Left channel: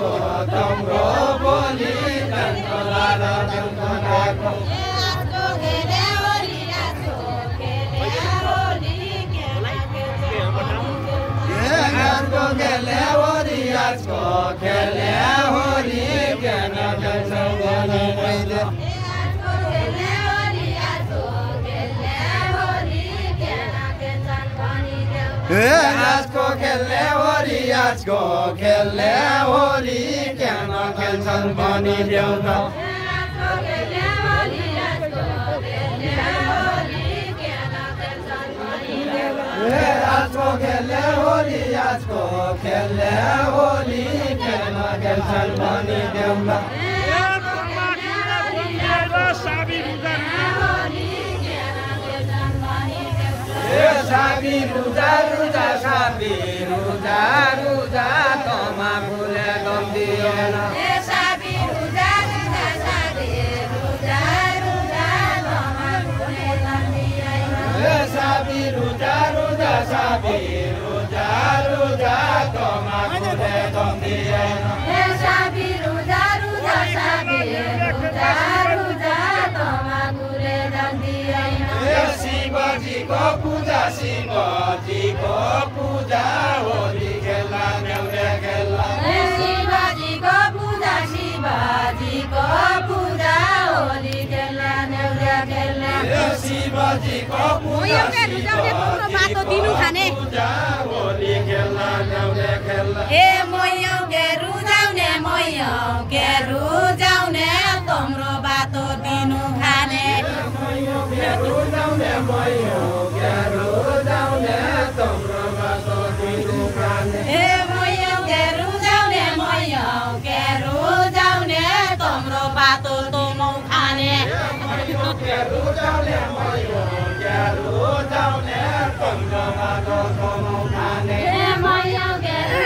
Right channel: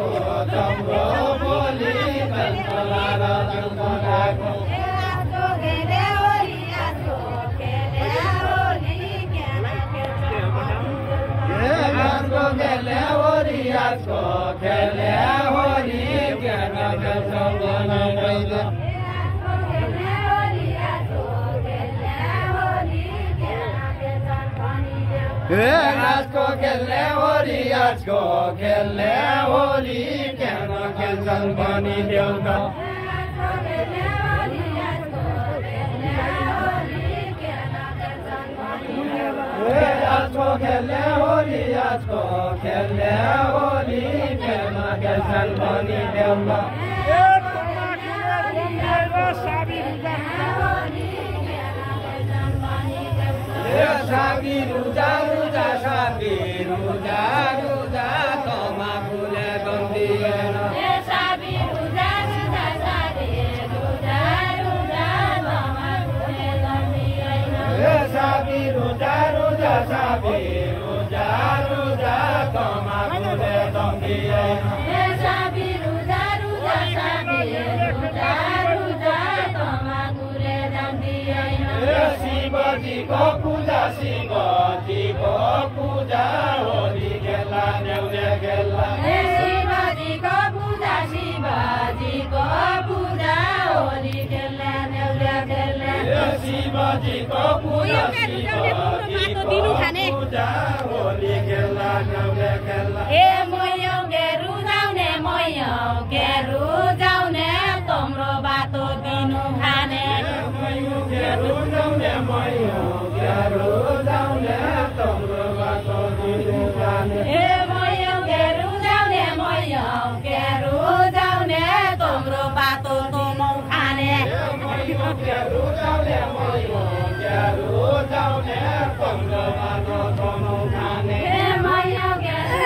हो तम्रो बोली कन्तला र तङ्कलाको गानको खेले होरी आजको खेले होरी ज्ञान खेल्छ बनाउँदै आजको खेल्ने होरी आजको खेल्ने होरी ज्ञान खेल्छन् पनि देउता आजको खेल्ने होरी आजको खेल्ने होरी ज्ञान खेल्छन् पनि देउता साबी रुजा रुजा साबी रुजा रुजा तमाकुले गम्दिएन साबी रुजा रुजा साबी रुजा रुजा तमाकुले गम्दिएन साबी रुजा रुजा साबी रुजा रुजा तमाकुले गम्दिएन साबी रुजा रुजा साबी रुजा रुजा तमाकुले गम्दिएन शिवजीको पूजा शिवजीको पूजा होली खेल्ला न्याउने खेल्ला शिवजीको पूजा शिवजीको पूजा होली खेल्ला न्याउने खेल्ला शिवजीको पूजा शिवजीको पूजा होली खेल्ला न्याउने खेल्ला ए मोयो गेरु जाउने तम्रो बाटो दिनु खाने मोयो गेरु जाउने मोयो गेरु जाउने तम्रो बाटो दिनु खाने ए मोयो गेरु जाउने तम्रो बाटो दिनु खाने मोयो गेरु जाउने तम्रो बाटो दिनु खाने ए मोयो गेरु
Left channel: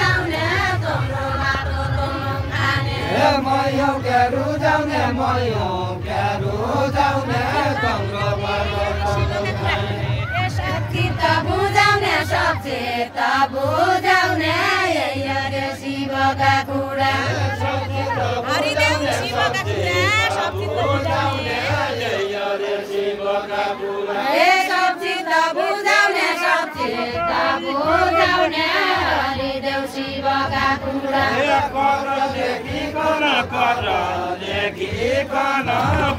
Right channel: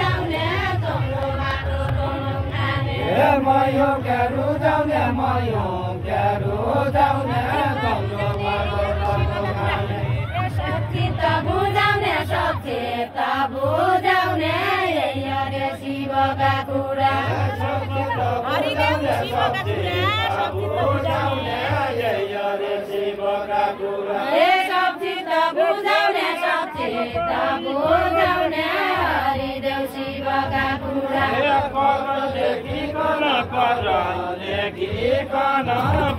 जाउने तम्रो बाटो दिनु खाने ए मोयो गेरु जाउने तम्रो बाटो दिनु खाने ए सचिता बुझाउने यही शिवका कुरा हरिदेव शिवका कुरा सचिता बुझाउने यही शिवका कुरा ए सचिता बुझाउने हरिदेव शिवका कुरा कर लेखिकन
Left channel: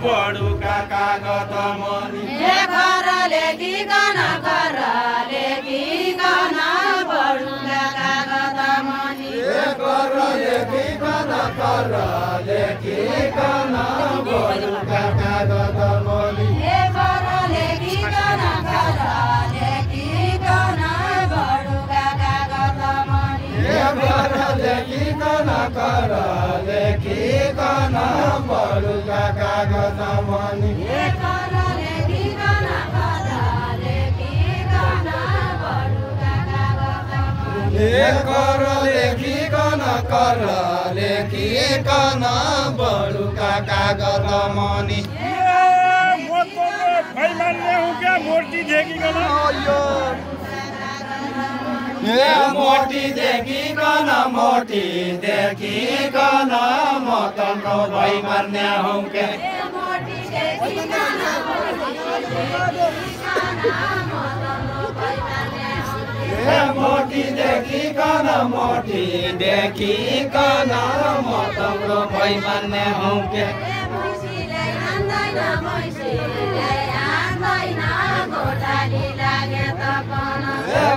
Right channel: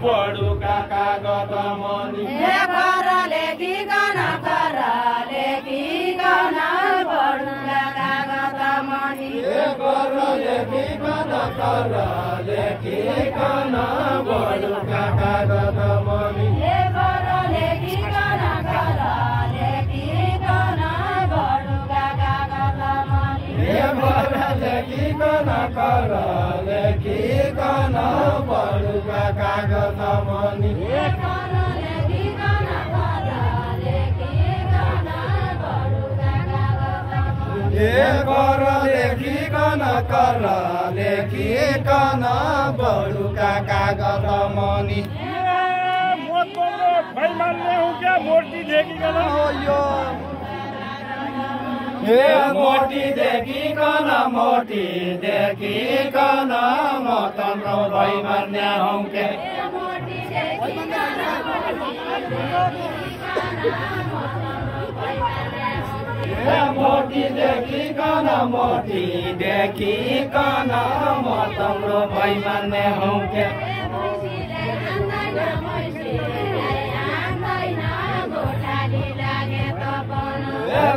पढुका कागत मनी कर लेखिकन पढुका कागत मनी कर लेखिकन पढुका कागत मनी कर लेखिकन पढुका कागत मनी कर लेखिकन पढुका कागत मनी कर लेखिकन बडुका कागज मनी भाई मान्ने हूँ क्या मूर्ति देखिकन मोटी देखिकन म तम्रो भाइ मान्ने हूँ क्या मोटी देखिकन म तम्रो भाइ मान्ने हूँ क्या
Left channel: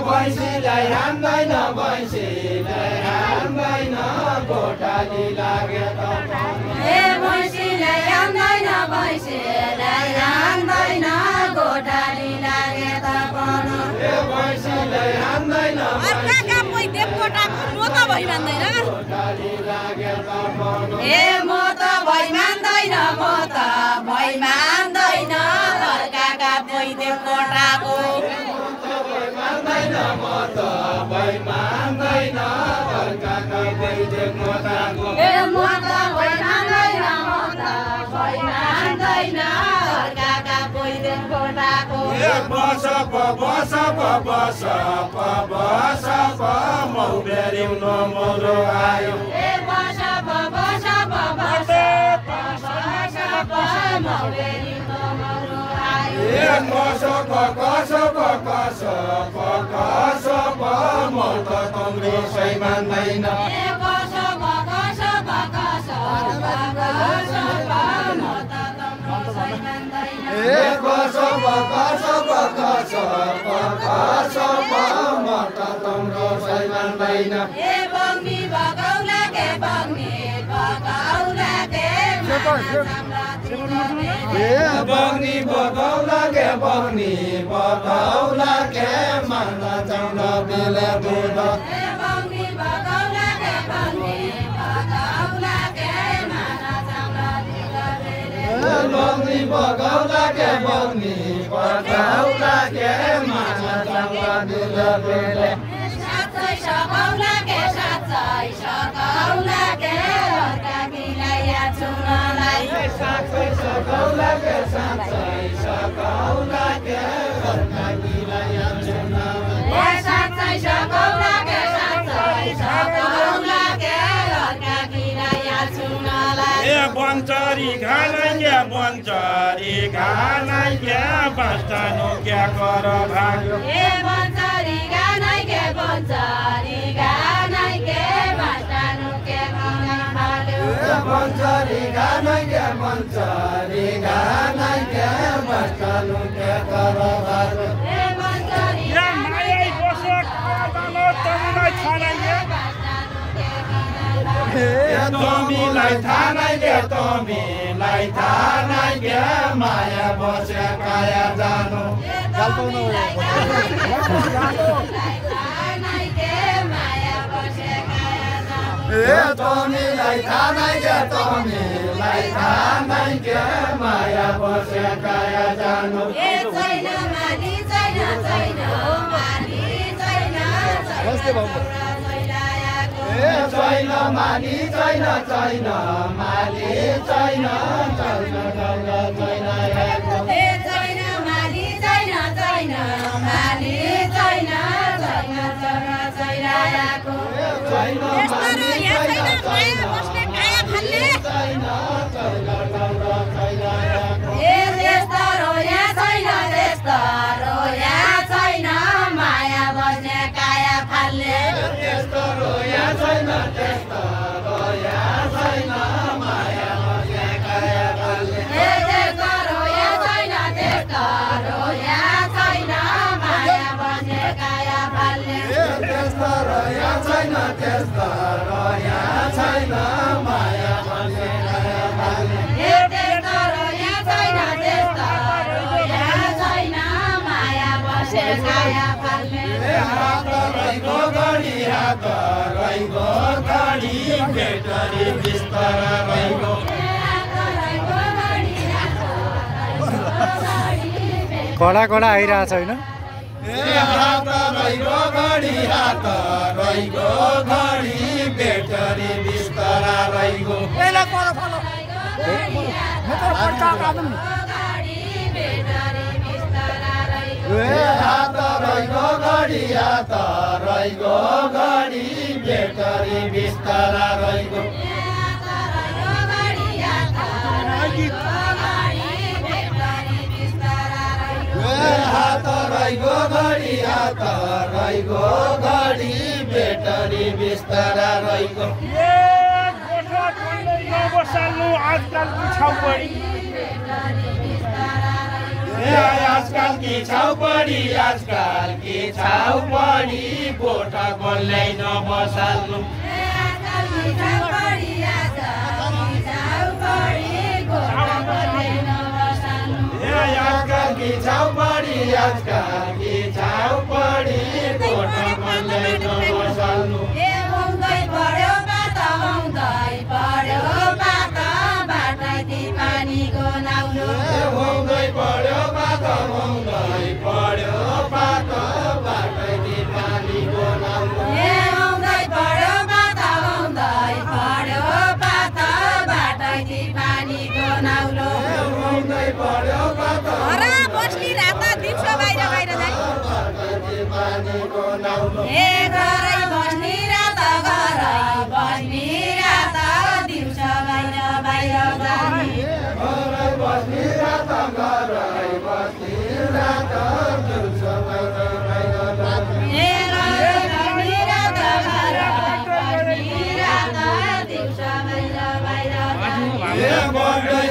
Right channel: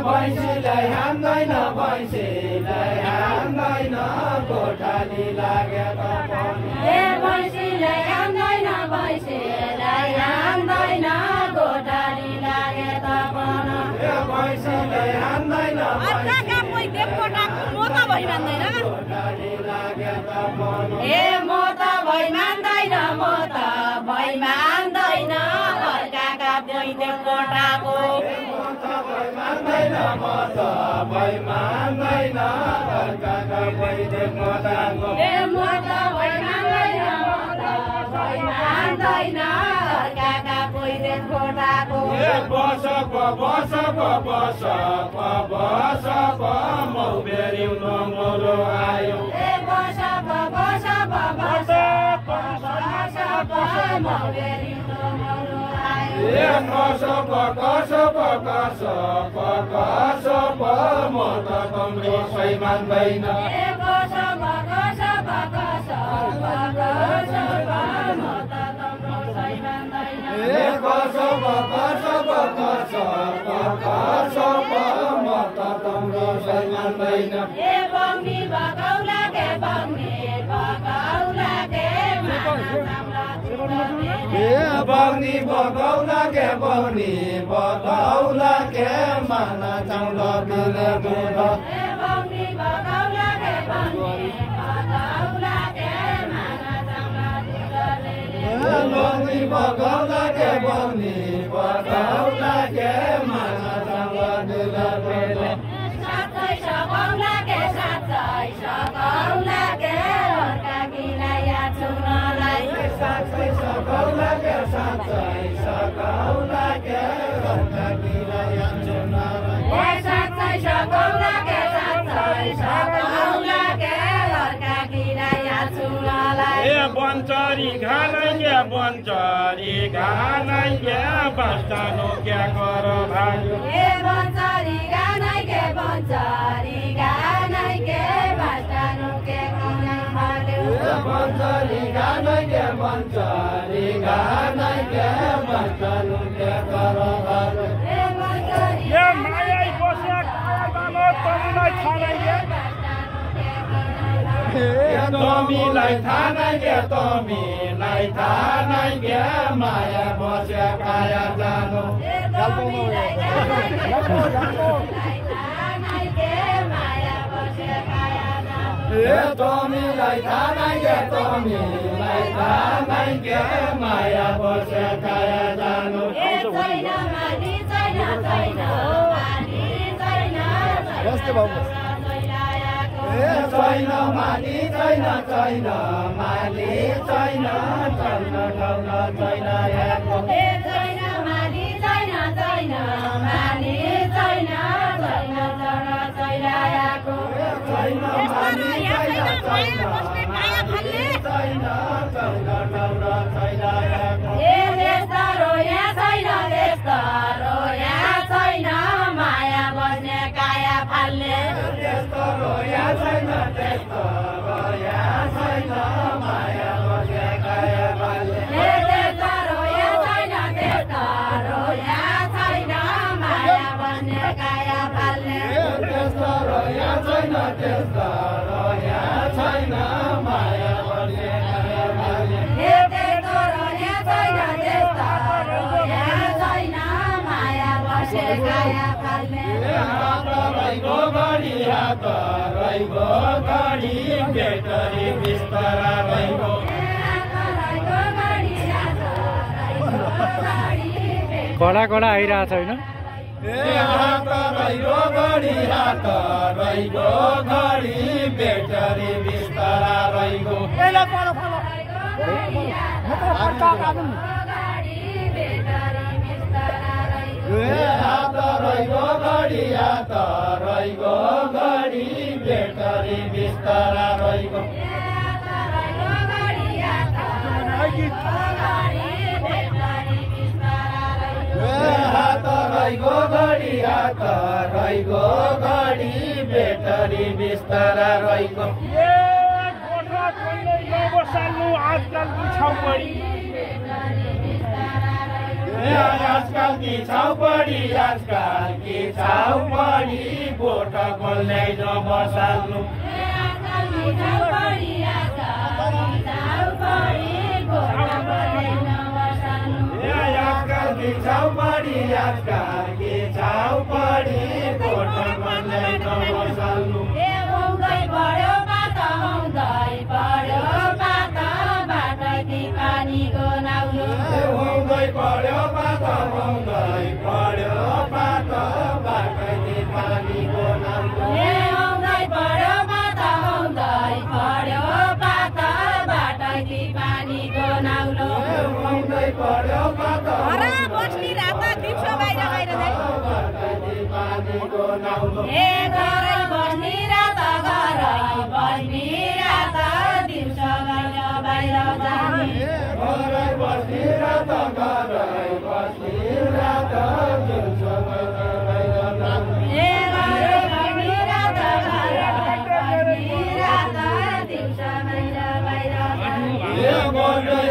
भैँसीलाई हान्दैन गोठाली लागे त भैँसीलाई हान्दैन गोठाली लागे त भैँसीलाई हान्दैन ए म त भइ मान्दैन अर्काका पैदेव कोटाको बस मौबेरी नमरो आयो मान्दैन बगौला के माना चाउला बिले दूध बगौला के माना चाउला बिले दूध बंचरी घानाइ के बास्तानो क्या कर भाग्यो बंचरी घानाइ के बास्तानो क्या कर भाग्यो ये माया बसे काया जानो तमलाई थानाइ के तमीलाई थानाइ के माया बसे काया जानो तमीलाई थानाइ के माया बसे काया जानो छैन माली छैन माली छैन कडा कडा आइरहेछ होइन आजकल की छाउपडी गोठा खोल्दै नबसाल्नु बस्ने रात दिउँसो ए घरै बस्ने रात घरै बस्ने रात दिउँसो बाहिर बाहिर गर्ने घरै बस्ने रात घरै बस्ने रात दिउँसो बाहिर बाहिर गर्ने ए घरै बस्ने रात घरै बस्ने रात दिउँसो बाहिर बाहिर गर्ने ए बढ्दै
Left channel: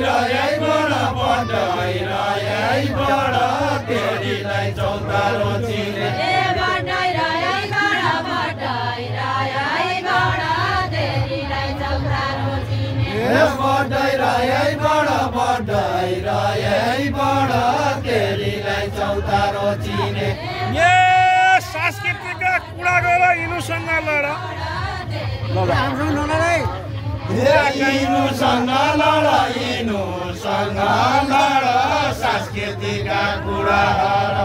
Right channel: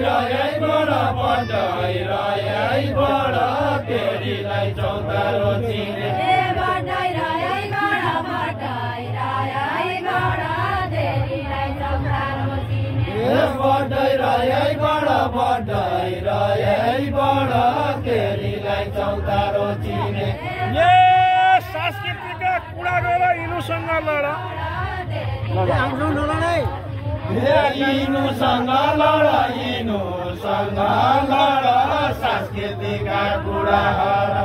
रहेबाट केटीलाई चौतारो चिने ए बढ्दै रहेबाट तेरीलाई चौतारो चिने ए बढ्दै रहेबाट केटीलाई चौतारो चिने ए सांस्कृतिकका कुरा गर यिनीसँग लड यिनुसँग लड सांस्कृतिकका कुराहरू